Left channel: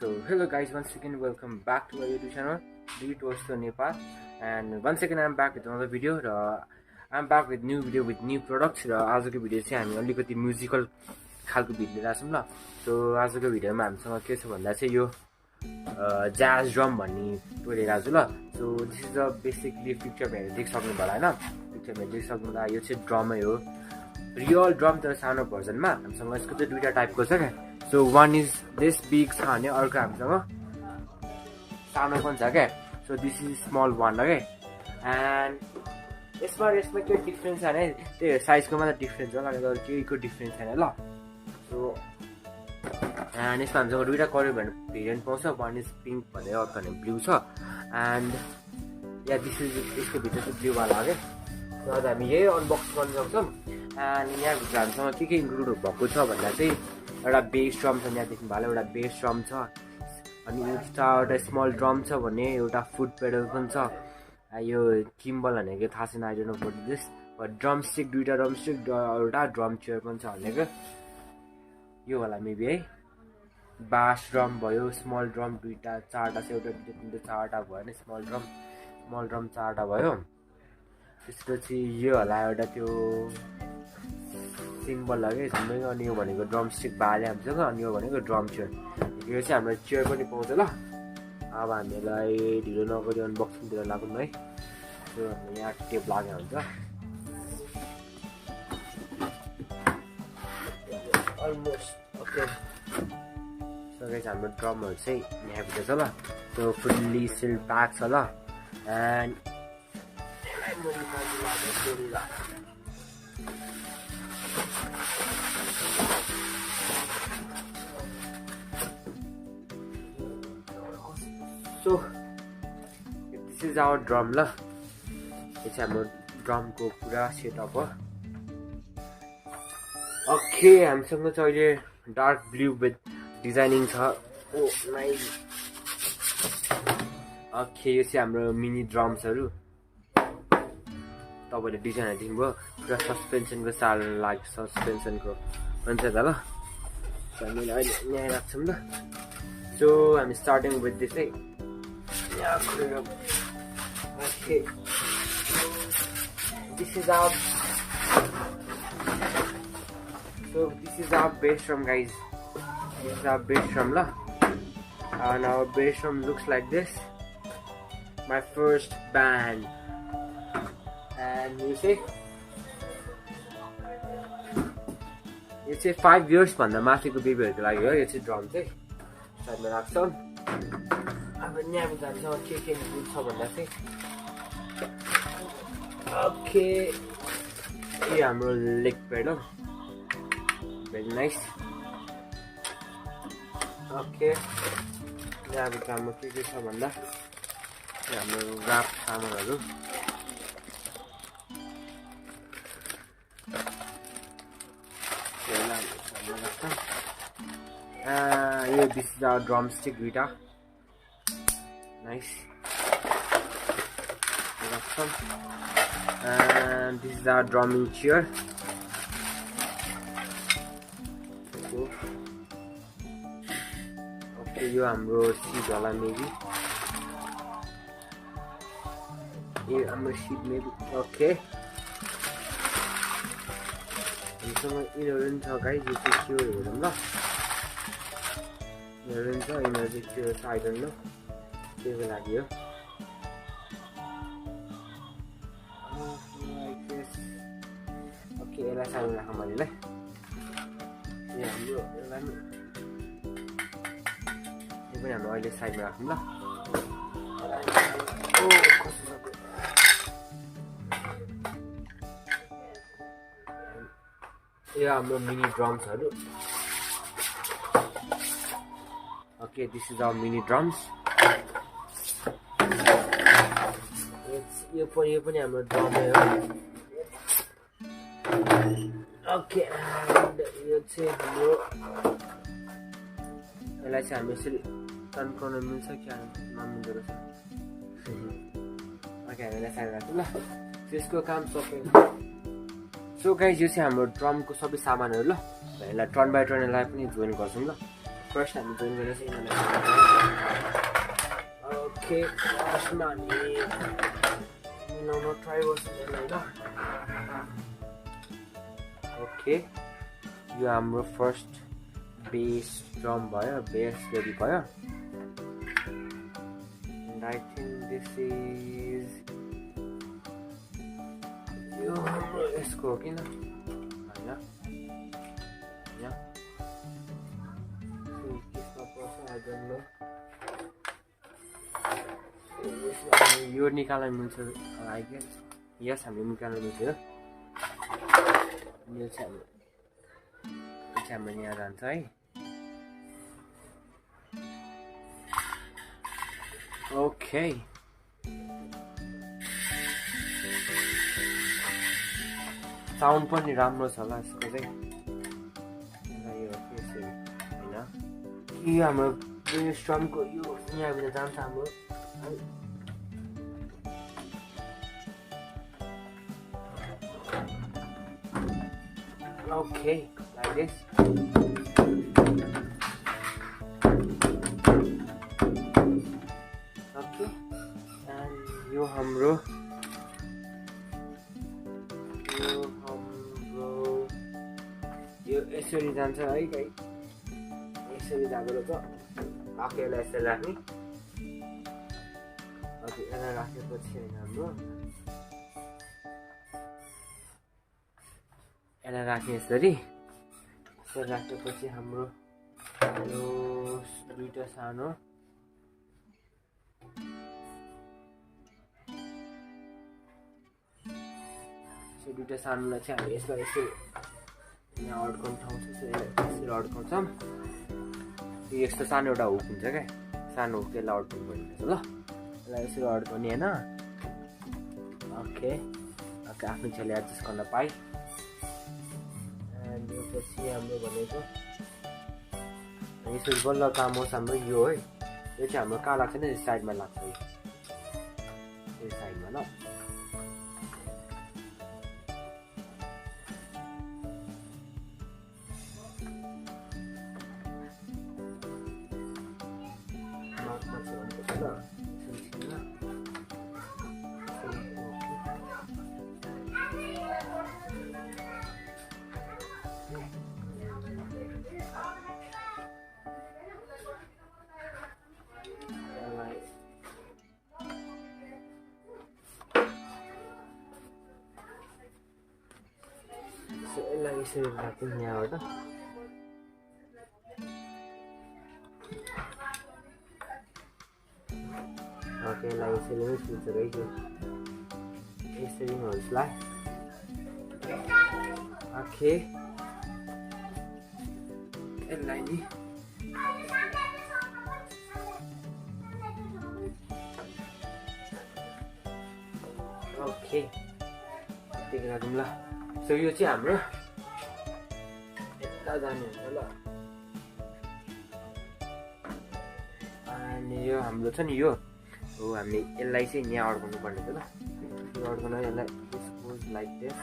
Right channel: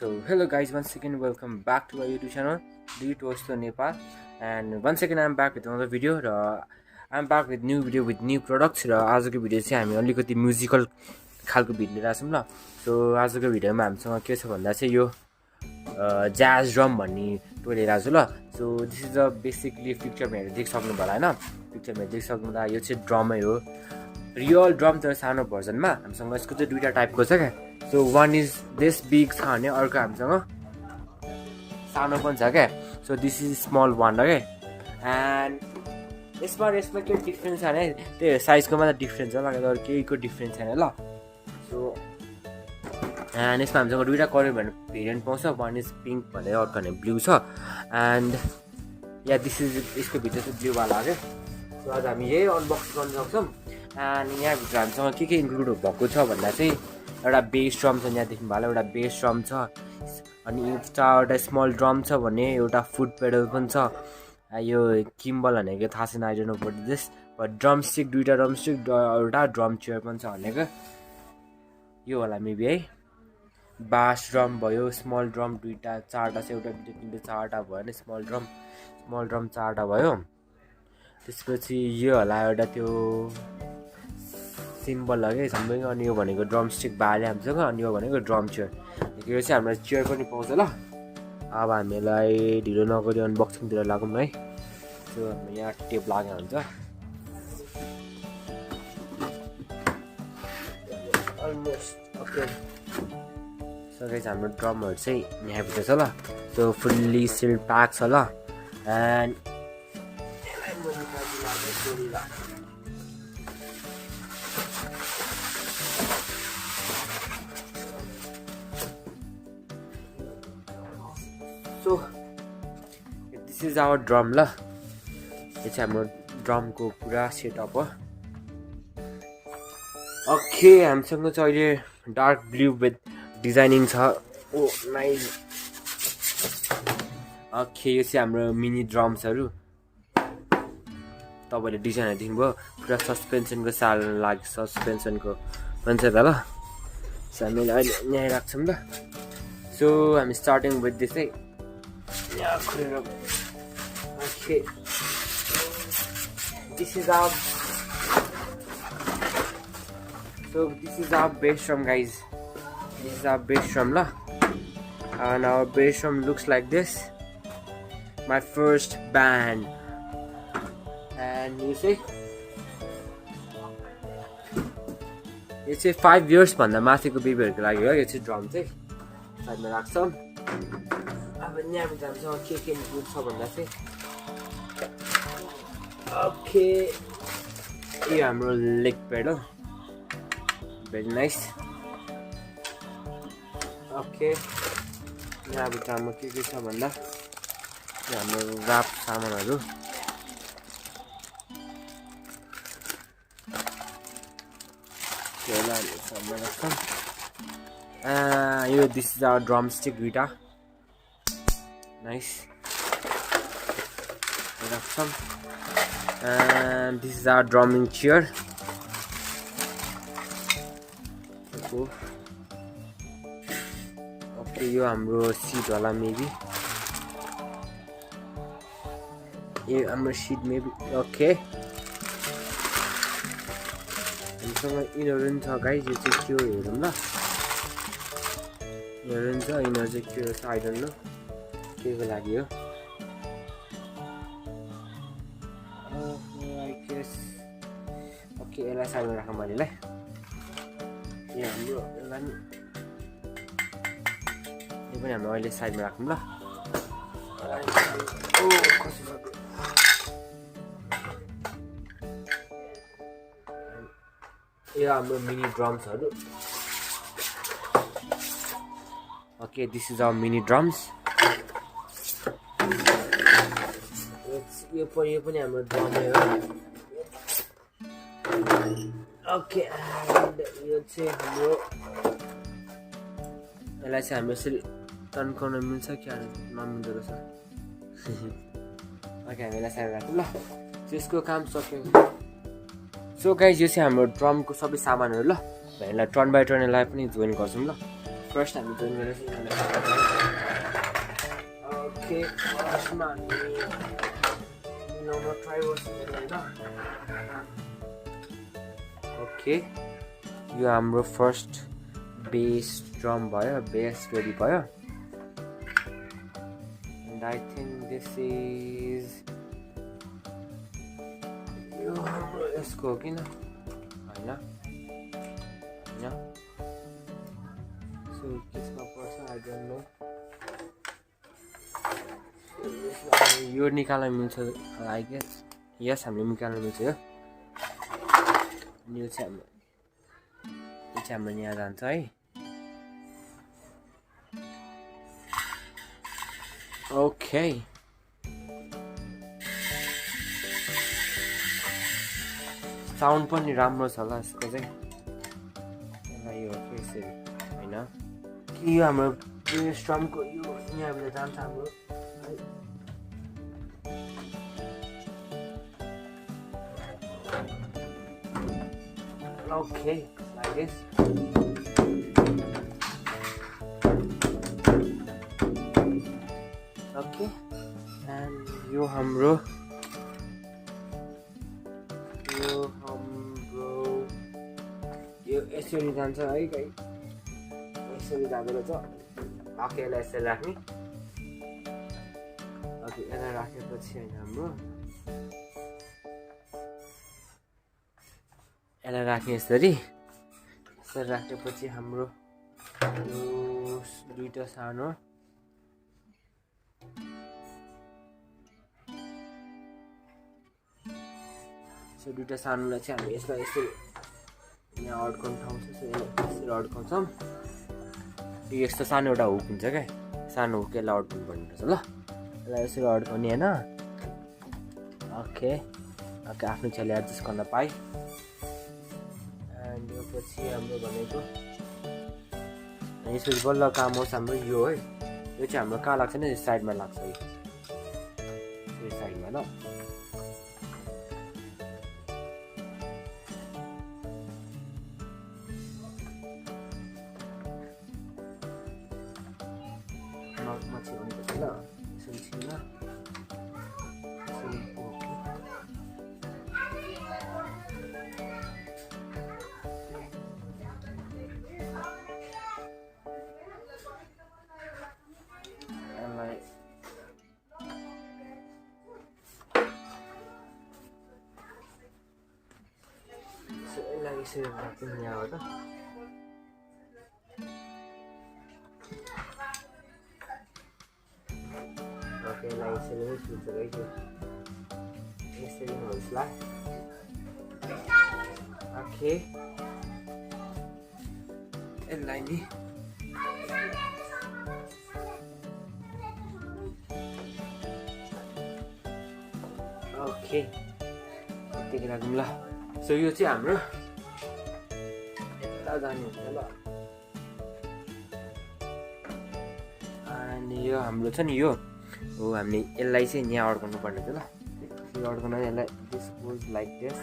So hello guys, once again welcome back to our YouTube channel Lead Toast to Nepal. And once again I'm back with another video. I'm back with new video with new products. आजको video चाहिँ हामी अलिकति musical खालको video लिएर आछौँ ल. So आजको भिडियोमा हामीसँग के छ भन्दा चाहिँ यो jazz drum भन्ने टोय लिएर आछु ल. So this is a basically पिक्चरमा हेरेर देख्न सक्नु होला हैन. पिक्चरमा देख्न सक्नुदा यो चाहिँ ड्रमै हो. रियल ड्रम तर सानो भर्जनमा हामीसँग यसको चाहिँ दुईटा टाइपको छ क्या. So one is this big छ भने अर्को हामीसँग सानो पनि छ क्या. So this is small one हो क्या. एन्ड यसमा के डिफ्रेन्स छ भने त्यही साइजको मात्र डिफ्रेन्स हो, अरू केहीको डिफ्रेन्स छैन ल. सो एन्ड यसमा हामीसँग दुईवटा कलर भन्ने भेरिएन्ट पाउँछ. वान इज पिङ्क भनेर अर्को भने ब्लू छ. एन्ड या दिस इज यसको भित्र चाहिँ ब्लूवाला हो क्या. सो आज हामी यही अनबक्स गर्न सक्छौँ. एन्ड यहाँभित्र हामीसँग के इन्क्लुड भएको छ भन्दा चाहिँ एउटा बेस ड्रम छ, यहाँ देख्नु भयो एउटा बेस ड्रम छ. अनि एउटा स्मल ड्रम छ भने एउटा फुट पेडल पनि छ. यो किम्बल भनेको थाहा छैन, I don't know what this, but drum stick दुईवटा ड्रम स्टिक एउटा ड्रम चेयर पनि छ भनेको यो होला मेबी है. बास ड्रम भयो, स्मल ड्रम दुईवटा चारवटा छ, एउटा दुईवटा तिनवटा चारवटा भयो भने स्मल ड्रम चारवटा भयो. त्यसपछि यो होला एउटा त्यो सिम्बल लगे सँगै. अनि यो भनेको ड्रम स्टिक बाले हामीसँग. अनि यो भनेको ड्रम चेयर. यो चाहिँ हाम्रो चेयर पनि पाउँछ ल. अब हामीलाई ढिलो नगरी अनबक्सिङतिर लागौँ है. सो हाम्रो यहाँ टेप लागेको हुन्छ अलमोस्ट ओके. सो गाइस हाम्रो ड्रमहरू चाहिँ यहाँभित्र छ ल. सो फुल्ली सिल्ड प्याक छ ल. And so this is our drum ल. यो चाहिँ हाम्रो ड्रमको पुरा सेटअप हो. ओके हामीसँग चाहिँ अहिले डार्क ब्लू विथ डिजाइनिङ छ. ओ नाइस. ओके यो चाहिँ हाम्रो मिनी ड्रम्सहरू. तपाईँले डिजाइनहरू देख्नुभयो पुरा सस्पेन्सनको साल लाग्यो. सस्पेन्सनको भन्छ त ल. सो हामीले अहिले यहाँ राख्छौँ ल. सो हामी स्टार्टिङ विथ दिस है. Okay, this is our bass drum guys. This is our bass drum la. And our bass drum looks like this. My first band. And you see it's a 5 years भन्दा माथिको बेबीहरुको लागि हो यो चाहिँ drum चाहिँ. साइडमा राख्छौँ. अब यहाँभित्र हामीसँग के इन्क्लुड छ भन्दा चाहिँ ओके यो हाम्रो लेग प्याड हो. Very nice. ओके यहाँभित्र हाम्रो के छ भन्दा हाम्रो ऱ्याप सामानहरू. यो this is our drumstick दुईटा. Nice. And this is our drumming chair. Cool. Okay, यो हाम्रो seat होला maybe. यो हाम्रो seat maybe. Okay. हामीसँग यिनीहरू पनि छ गाइज. यो चाहिँ के हो हेरौँ ल. यिनीहरू पनि छ. यिनीहरू चाहिँ के हो आई डोन्ट नो के को लागि हो. ओके यसलाई साइडमा राखौँ मैले ल. यो पनि हाम्रो अहिले साइडमा राखौँ ल. यो हाम्रो मिनी ड्रम्सहरू. Okay this is our mini drums. यो पनि हाम्रो ड्रमै हो. ओके यो चाहिँ हाम्रो यसलाई चाहिँ हाम्रो यसरी तन्काउन मिल्छ क्या नमिल्दो रहेछ. ओके हामी यसलाई साइड राख्छौँ ल. त्यसको काम सक्यो. सो गाइज यो चाहिँ हाम्रो ड्रमको सबै सामानहरू ल. यसलाई टर्न बाई टर्न यसलाई पनि जोइन गर्छौँ ल. फर्स्ट हामी जोइन गर्न चाहिँ यिनीहरूलाई ओके फर्स्टमा हामी मिलाउन ट्राई गर्छौँ होइन ओके यो हाम्रो फर्स्ट बेस ड्रम भयो बेस रेडी भयो and I think this is यो हाम्रो यसको हो किन होइन सो त्यसमा पर्छ आई डोन्ट नो यो निकाल्न मिल्छ आई गेस यस हामीले निकाल्न मिल्छ यो यो चाहिँ हाम्रो यहाँ जान्छ है ओके साउन्ड पनि राम्रो छ होला यसको चाहिँ यो यसरी होइन कि यो हाम्रो स्ट्रमको यो यहाँबाट जान्छ हाम्रो okay like this okay and यो हाम्रो यो यसरी जान्छ है गाई यसरी जाँदो रहेछ ओके यसलाई यसरी राख्ने ओके यसलाई राखेपछि होइन हाम्रो यसलाई राख्ने यसरी राखेपछि हाम्रो यो दुईटा सानो दुईटा सानोलाई चाहिँ हामी यसमा यसरी यहाँ अड्काउने ठाउँ छ यसरी अड्काउँछौँ यो यस्तो सानो एउटा हुक हुन्छ क्या सानो हुक यसलाई अड्काउनु पर्नुपर्छ ल यसलाई यसरी अड्काउने होइन ओके ओके आफ्नो छेउले एडजस्ट गर्न पाएँ पछि हाम्रो भनेको यसरी बल्ल काम होस् हाम्रो यो है यो चाहिँ हाम्रो कहाँ लाग्छ नि साइडमा लाग्छ यो साइडमा ल यसरी राख्छु यहाँबाट ओके यसलाई यसरी नै छुट्छ है त्यो यसरी नै होस्ला ओके यसलाई नि ओके त्यति राखौँ ल सो यो चाहिँ हाम्रो जाने हुन्छ ल अनि यो हाम्रो छ नि यो हो हामीले यसलाई चाहिँ यहाँ अड्काउनु पर्ने थियो ल यो अड्काउन यसलाई this goes like this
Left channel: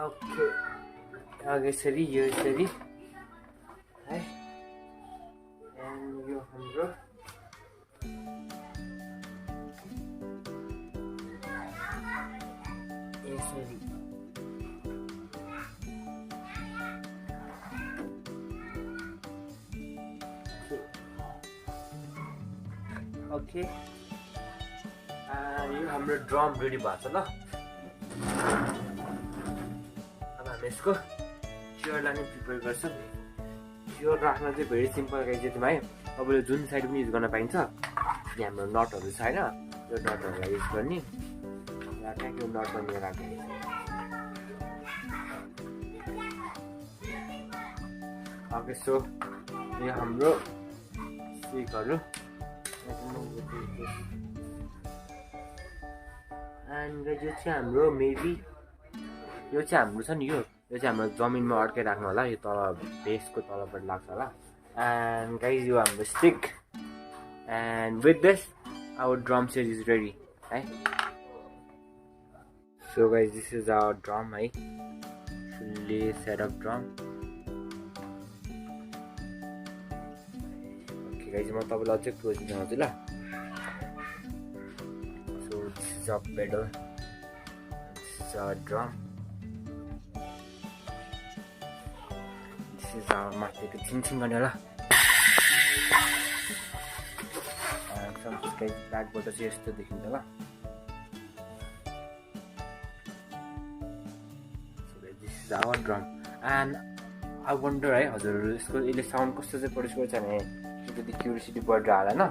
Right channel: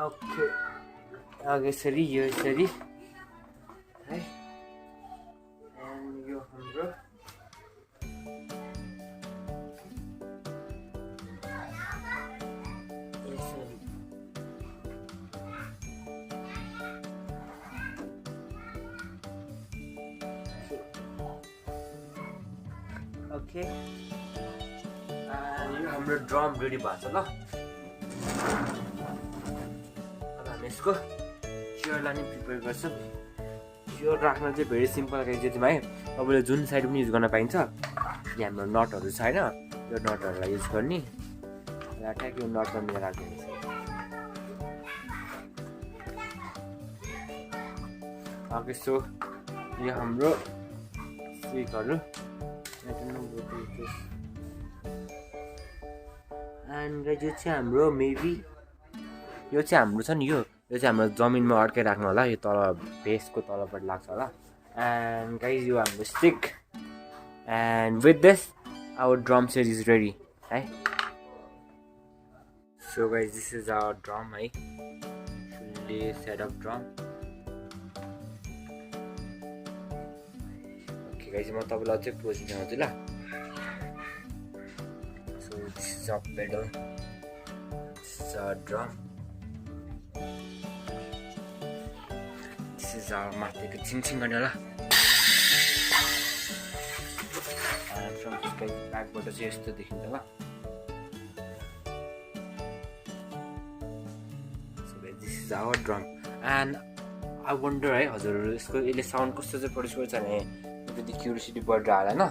okay अघि यसरी यो यसरी है एन्ड यो हाम्रो यसरी ओके यो हाम्रो ड्रम रेडी भएको छ ल यसको चियरलाई नै प्रिपेयर गर्छ चियर राख्न चाहिँ भेरी सिम्पल गाइज भाइ तपाईँले जुन साइड पनि युज गर्न पाइन्छ यहाँ हाम्रो नटहरू छ होइन यो नटहरूलाई युज गर्ने यहाँ ट्याक यो नट बनाएर राख्ने ओके सो यो हाम्रो स्टिकहरू एन्ड गाइज यो चाहिँ हाम्रो मेबी यो चाहिँ हाम्रो छ नि यो चाहिँ हाम्रो जमिनमा अड्काइ राख्नु होला यो तल बेसको तलबाट लाग्छ होला एन्ड गाइज यो हाम्रो stick and with this our drum set is ready है so guys this is our drum है fully set up drum okay guys म तपाईँलाई अझै क्लोज देखाउँछु ल so this is a pedal this is a drum this is our माथिको छिङछिङ गर्ने होला ब्याकबाट चाहिँ यस्तो देखिन्छ ल this is our drum and I wonder है हजुरहरू यसले साउन्ड कस्तो चाहिँ प्रड्युस गर्छ भने अलिकति क्युरियोसिटी बढेर हाल होइन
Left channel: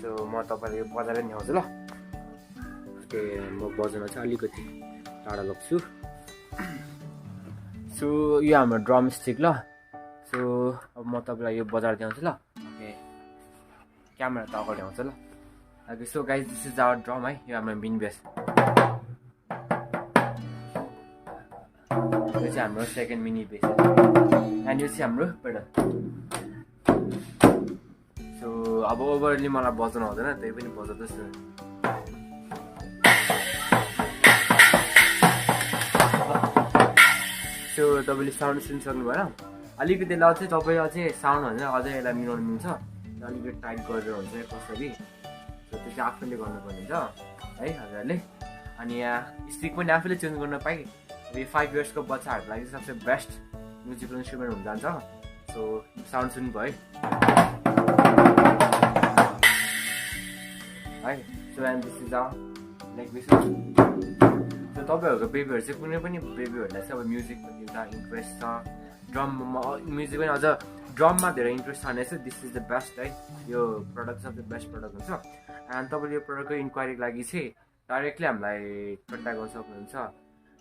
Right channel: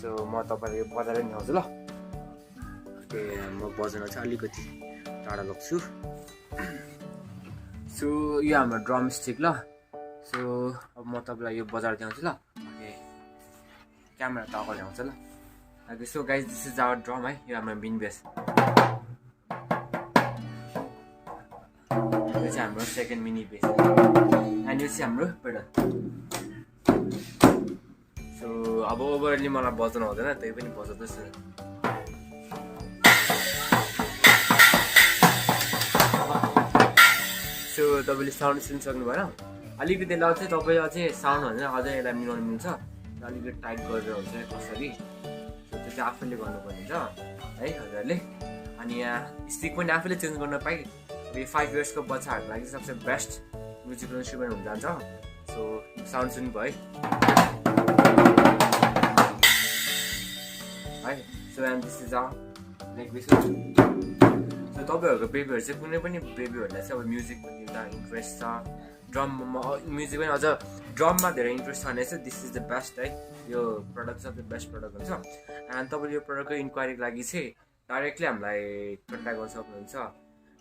सो म तपाईँलाई यो बजाएर नि आउँछु ल म बजाउन चाहिँ अलिकति टाढा लग्छु सो यो हाम्रो ड्रम स्टिक ल सो अब म तपाईँलाई यो बजार देखाउँछु ल ओके क्यामेरा त अगाडि आउँछ ल okay so guys this is our drum है यो हाम्रो मेन बेस यो चाहिँ हाम्रो सेकेन्ड मिनी बेस एन्ड यो चाहिँ हाम्रो पेडल सो अब ओभरली मलाई बजाउनु आउँदैन त्यही पनि बजाउँदैछु सो तपाईँले साउन्ड सुन्नु सक्नु भएन अलिकति लाउड चाहिँ तपाईँ अझै साउन्ड भने अझै यसलाई मिलाउनु मिल्छ अलिकति टाइट गरेर हुन्छ कसरी सो त्यो चाहिँ आफूले गर्नुपर्ने हुन्छ है हजुरहरूले अनि यहाँ स्टिक पनि आफूले चेन्ज गर्न पाएँ यो 5 इयर्सको बच्चाहरूको लागि सबसे बेस्ट म्युजिकल इन्स्ट्रुमेन्ट हुन जान्छ सो साउन्ड सुन्नु भयो है so and this is like this so तपाईँहरूको बेबीहरू चाहिँ कुनै पनि बेबीहरूलाई चाहिँ अब म्युजिकको एउटा इन्ट्रेस्ट छ ड्रममा म्युजिक पनि अझ ड्रममा धेरै इन्ट्रेस्ट छ भने चाहिँ दिस इज द बेस्ट है यो प्रडक्ट सबसे बेस्ट प्रडक्ट हुन्छ एन्ड तपाईँले यो प्रडक्टको इन्क्वायरीको लागि चाहिँ डाइरेक्टली हामीलाई कन्ट्याक्ट गर्न सक्नुहुन्छ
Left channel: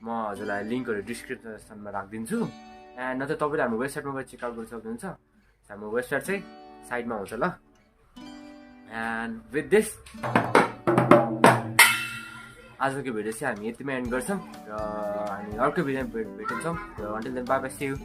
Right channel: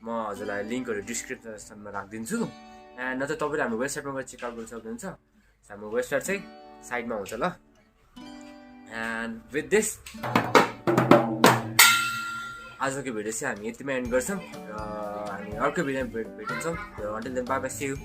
म हजुरलाई लिङ्कहरू डिस्क्रिप्सनमा राखिदिन्छु एन्ड नत्र तपाईँले हाम्रो वेबसाइटमा गएर चेकआउट गर्न सक्नुहुन्छ हाम्रो वेबसाइट चाहिँ साइडमा हुन्छ ल एन्ड विथ दिस आजको भिडियो चाहिँ हामी यतिमै एन्ड गर्छौँ र हामी अर्को भिडियोमा भेट्छौँ र until then bye bye see you